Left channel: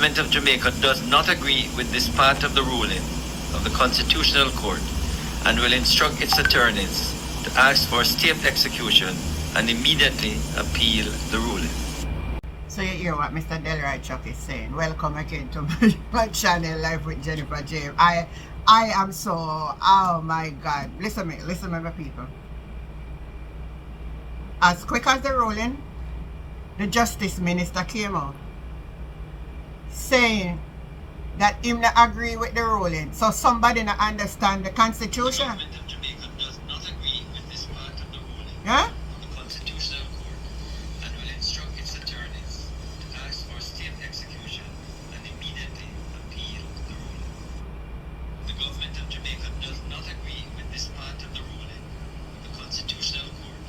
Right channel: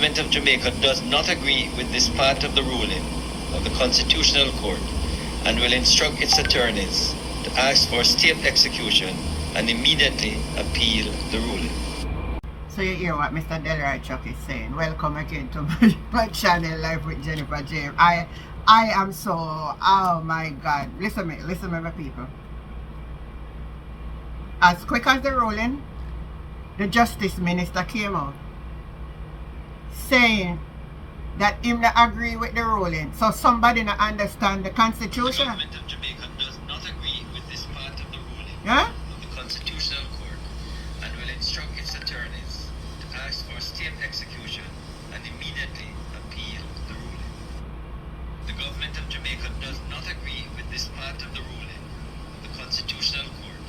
government of Jamaica does not agree with this part of the ruling of the Constitutional Court and will instruct its attorneys to ask for state execution and immediately appeal the ruling. So you hear what Mr. Delroy Chuck is saying. Welcome again to my channel, Life with Jennifer James. I am so, oh my God. Listen to me, my people. As quick as the ruling, the Justice Minister came out saying that him not agree with the ruling. So somebody not understand the Constitution. The government of Jamaica does not agree with this part of the ruling Huh? of the Constitutional Court and will instruct its attorneys to ask for state execution and immediately appeal the ruling. The government of Jamaica does not agree with this part of the ruling of the Constitutional Court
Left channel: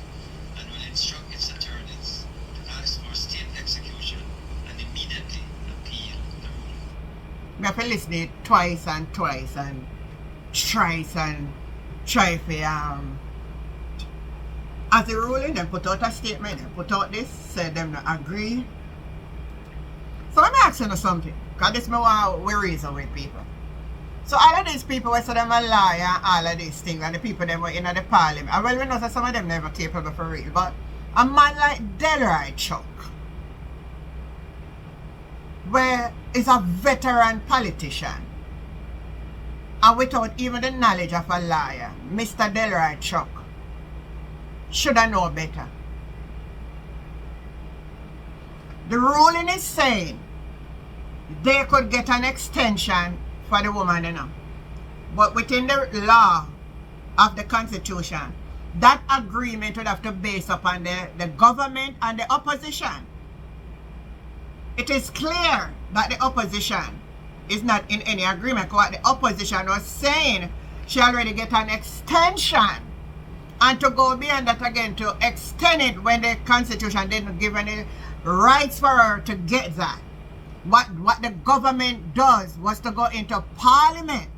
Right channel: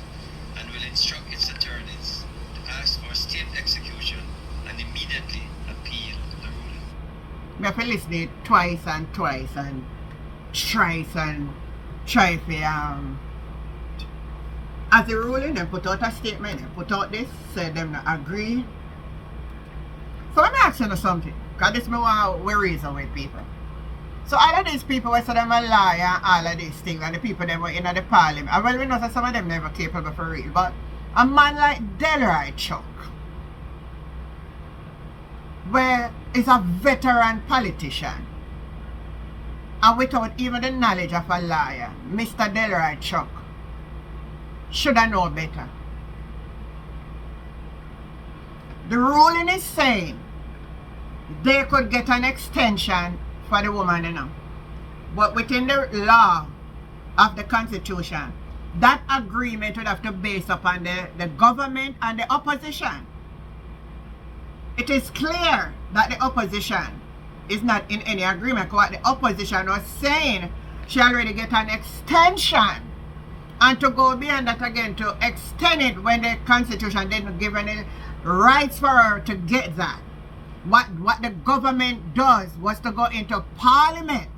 and will instruct its attorneys to ask for state execution and immediately appeal the ruling. I have to listen it twice and thrice and try for as the ruling, they put out a statement, they put out this, said them not agree. So I'm asking you something, because this me want to reason with people. So all of these people who say them a liar and all of these things, and the people them were in the parliament, and well we know that some of them never capable for real, but a man like Delroy Chuck, where is a veteran politician, and without even the knowledge of a liar, Mr. Delroy Chuck should have known better. The ruling is saying they could get an extension for the woman, you know. But within the law of the Constitution, that agreement would have to base upon the government and the opposition. It is clear that the opposition is not in any agreement. What the opposition was saying, she already get an extension. And to go beyond that again, to extend it when the Constitution didn't give any rights for her to get that. What the government does was to go into Parliament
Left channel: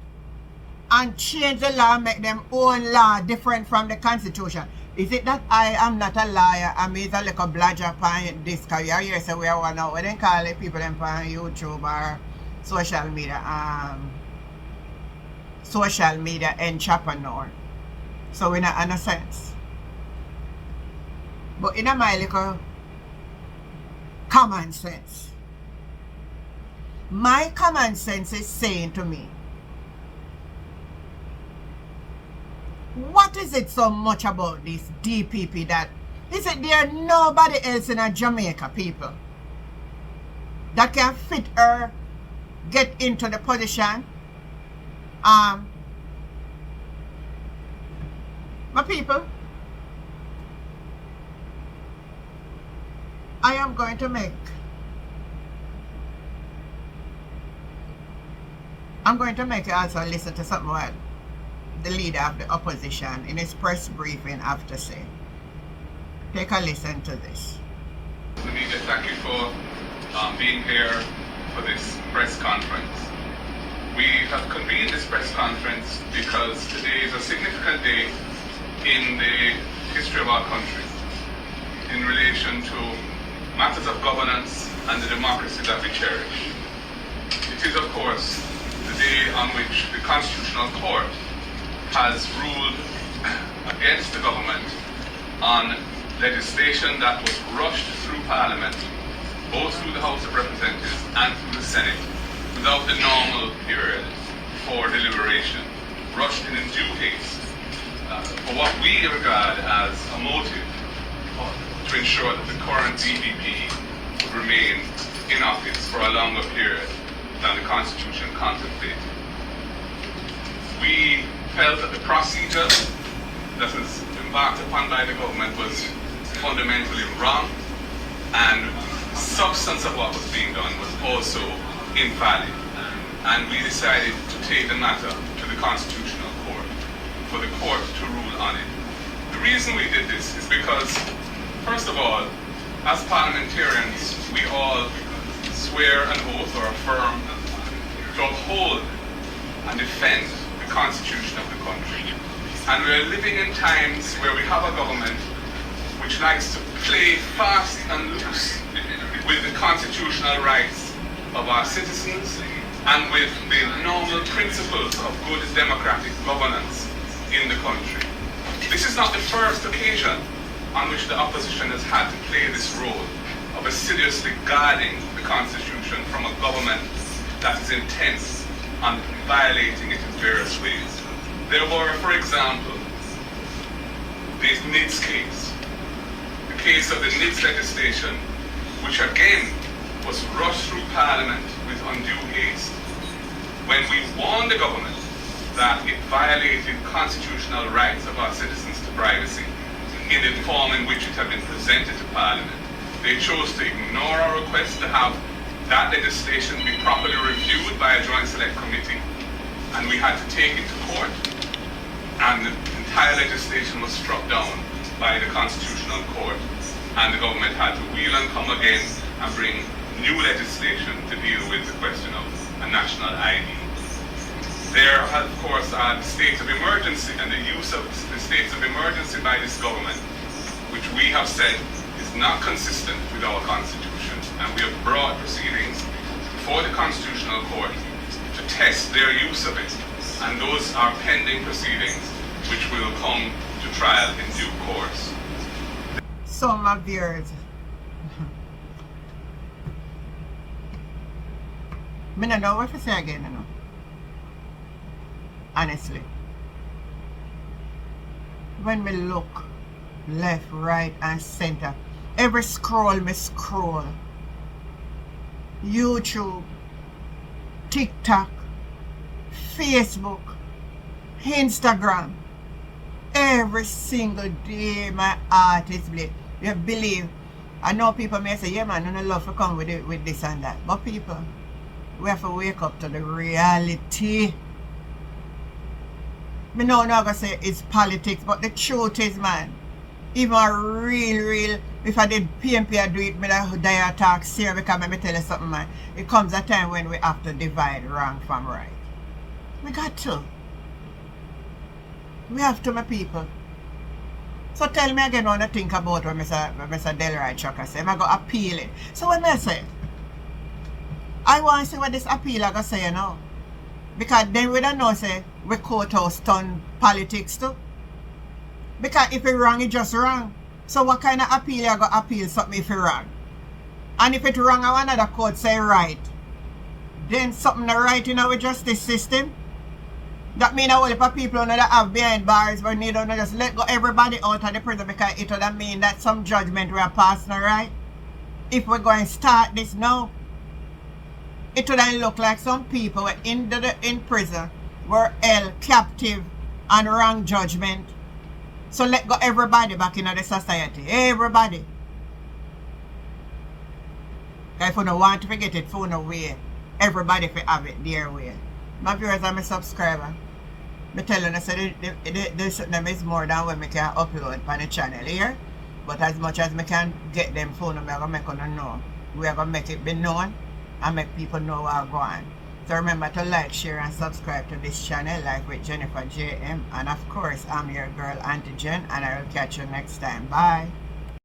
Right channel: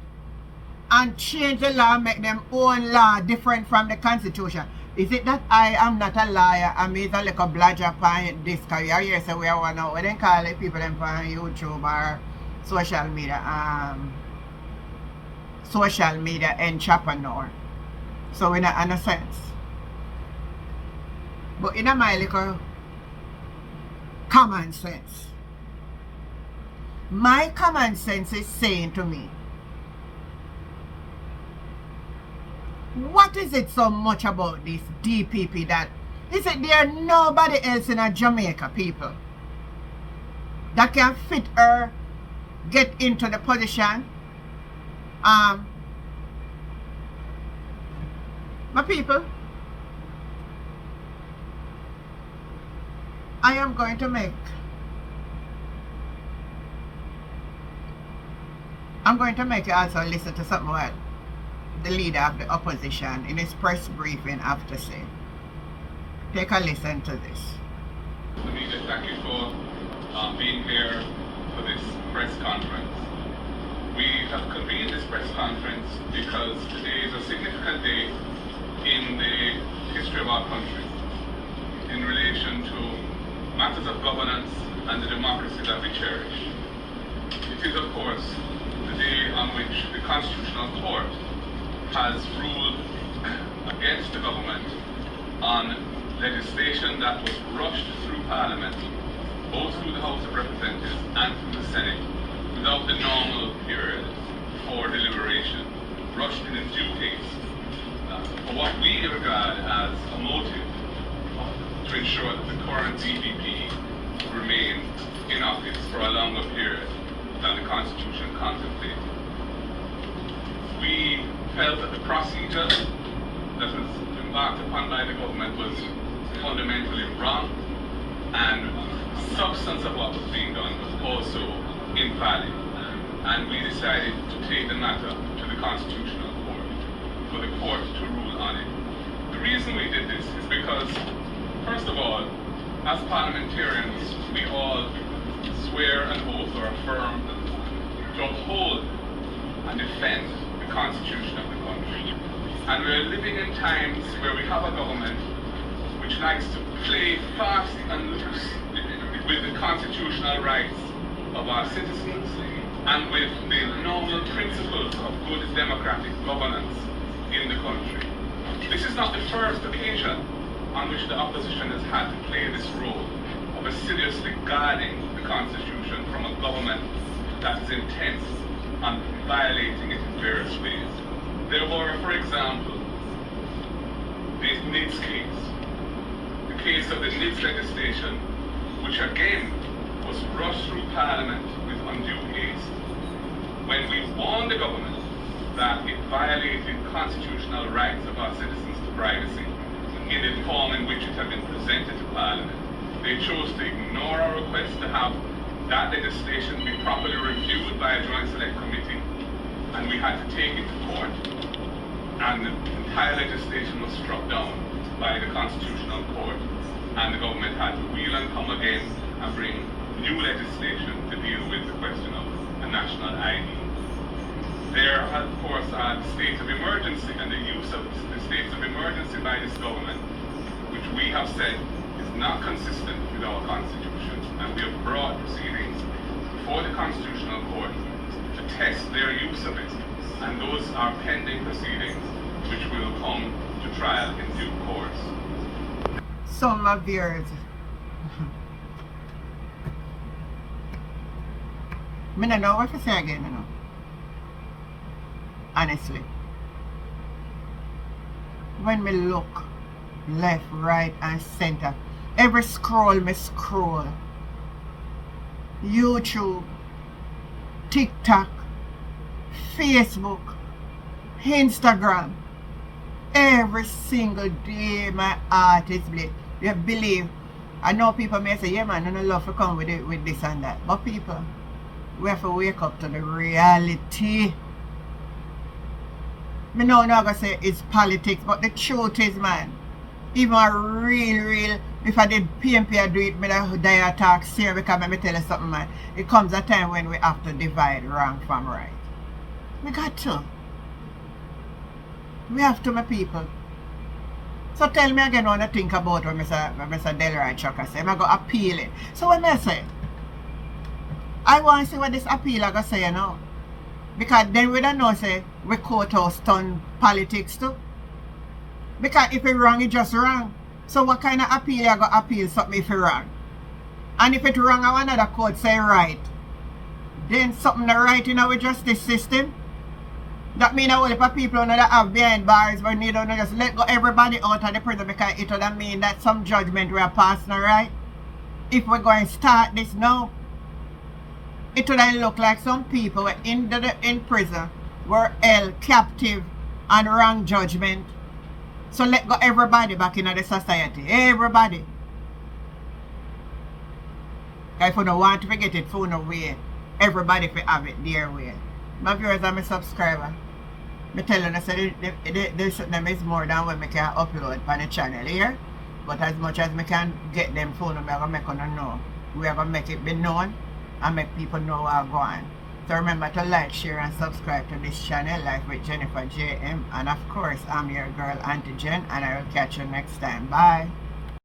and change the law, make them own law different from the Constitution. Is it that I am not a liar? I mean, it's a little bludger upon this career. Yes, so we are one now. We don't call it people on YouTube or social media entrepreneur. So in a sense. But in my little common sense, my common sense is saying to me, what is it so much about this DPP that is it there nobody else in a Jamaica people that can fit her get into the position? My people, I am going to make you also listen to something what the leader of the opposition in his press briefing have to say. Take a listen to this. Media, thank you for being here for this press conference. We have convened this press conference because today is a significant day in the history of our country in relation to matters of governance and the democracy that we cherish. It is, of course, the day on which the Constitutional Court has ruled against the government on legislation that was rushed through Parliament, both through the House of Representatives and through the Senate, without the normal period for deliberation, rushed in due haste, for what we regard as a motive to ensure that the current DPP remain in office for a longer period than the Constitution contemplated. We felt that the procedure that was embarked upon by the government was fundamentally wrong, and the substance of what was being done was also invalid. And we decided to take the matter to the Constitutional Court for the court to rule on it. The reason we did this is because, first of all, as parliamentarians, we all swear an oath or affirm to uphold and defend the Constitution of the country. And we're living in times where we have a government which likes to play fast and loose with the constitutional rights of our citizens and with the normal principles of good democratic governance in the country. This is not the first occasion on which the opposition has had to play this role of assiduously guarding the Constitution from a government that is intent on violating it in various ways. There were, for example, the NIDS case, the case of the NIDS legislation, which again was rushed through Parliament with undue haste, when we warned the government that it violated constitutional rights of our citizens to privacy in the form in which it had been presented to Parliament. They chose to ignore our request to have that legislation be properly reviewed by a Joint Select Committee, and we had to take it to court, and the entire legislation was struck down by the Constitutional Court, and the government had to wheel and come again and bring new legislation to deal with the question of a national ID. There, of course, are the states of emergency and the use of the states of emergency by this government, which we have said is not consistent with our Constitution, and we have brought proceedings before the Constitutional Court to test their use of it, and those are pending proceedings which will come to trial in due course. Some of yours. I don't know what to say again, you know. Honestly. When me look left, right, and center, every scroll me scroll. YouTube, TikTok, Facebook, Instagram. Every single day my heart is bleed. You believe? I know people may say, yeah man, I don't love to come with it, with this and that. But people, we have to wake up to the reality. Me know I'm not going to say it's politics, but the truth is, man, even a real, if I did PMP, I do it, me that die attack serious, because let me tell you something, man. It comes a time when we have to divide wrong from right. We got to. We have to, my people. So tell me again what I think about what Mr. Delroy Chucker say. I'm going to appeal it. So what I say? I want to see what this appeal I going to say, you know. Because then we don't know, say, we courthouse turn politics too. Because if it's wrong, it's just wrong. So what kind of appeal you going to appeal something if it's wrong? And if it's wrong, I want another court say right. Then something not right in our justice system. That means all the people that have behind bars, we need to just let go everybody out of the prison, because it would mean that some judgment we are passing, right? If we're going to start this now, it would look like some people were in prison, were held captive and wrong judgment. So let go everybody back into the society. Everybody. Because if you don't want to forget it, for no way, everybody will have it their way. My viewers and my subscribers, I tell you, I said this is more than what I can upload on the channel here. But as much as I can get them phone, I'm going to make them know. We are going to make it be known and make people know what's going on. So remember to like, share, and subscribe to this channel, Life with Jennifer JM. And of course, I'm your girl, Auntie Jen, and I will catch you next time. Bye.